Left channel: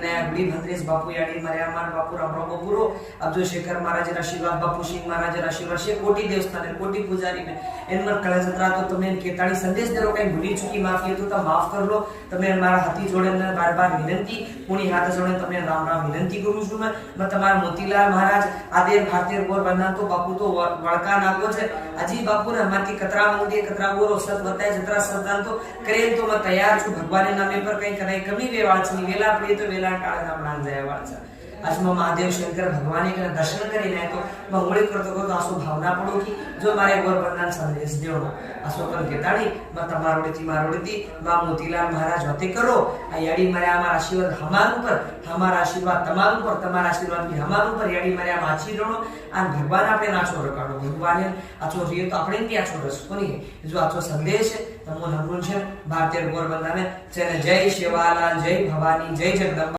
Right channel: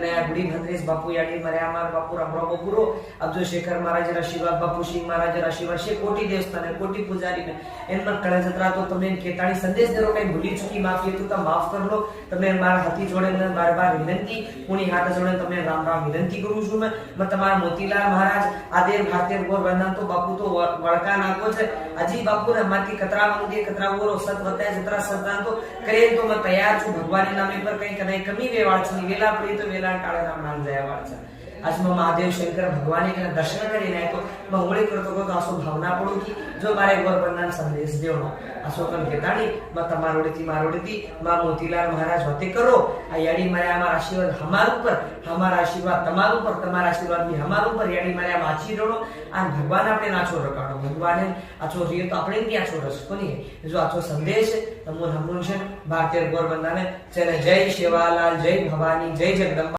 नया गुड़ी भद्रेश बापू यानी मर्यामार बापू रामराव बपुरो अब्दुल शेखर महाराज आशीर्वाद बापू सिंह महाराज आशीर्वाद शे कोटी देवस्थान कोटी पुजारी ने इन मन कळे जत्रा तो तमे केताड़ी संदेश देरो कई भूली चुकी माफी तो माफ कर लो तमे मारा हाथी जोड़े ने बार-बार विनंती पुणी हाथ जोड़े तमे राम-राम विनंती करू છું मैं तमारा मोतीलाल महाराज आदेर भारतीय गोर बंधन तो बापू तो वड़का नाखो छे अजी बापू ने माथी कतरा मंगे कतरा गोरो सत बताए जतरा सदान तो करे तो मैं तैयार છું भगवान नामे पर कई कने कमी वेवाळ छनी वेला पड़ी तो वेला टाळे नाम नाम जयवाळ छे आज में महादेव शंकर भगवान के दर्शन करीने तो मैं होळी करतो तो आसो भावना पड़ो की जो मारे गोर बंधन संदेश देवनो आसो कन केताड़ी मैं तमारोडीती मां मोतीलाल महाराज होते करो आ याडी मारे हमारा आशीर्वाद हमार ऊपर हमारा आशीर्वाद तमार ऊपर तमारा आशीर्वाद भी हमार ऊपर याडी मारे माछी रोनो आ भगवान आपणे नाचो रकाडो भगवान आचो रियो तो आपणे भी आचो रस कोनी जो आचो संदेश तमो हमरुन छे भारतीय गोर बंधन चले जय शिवालाल जय भवानी जय जगदंबा।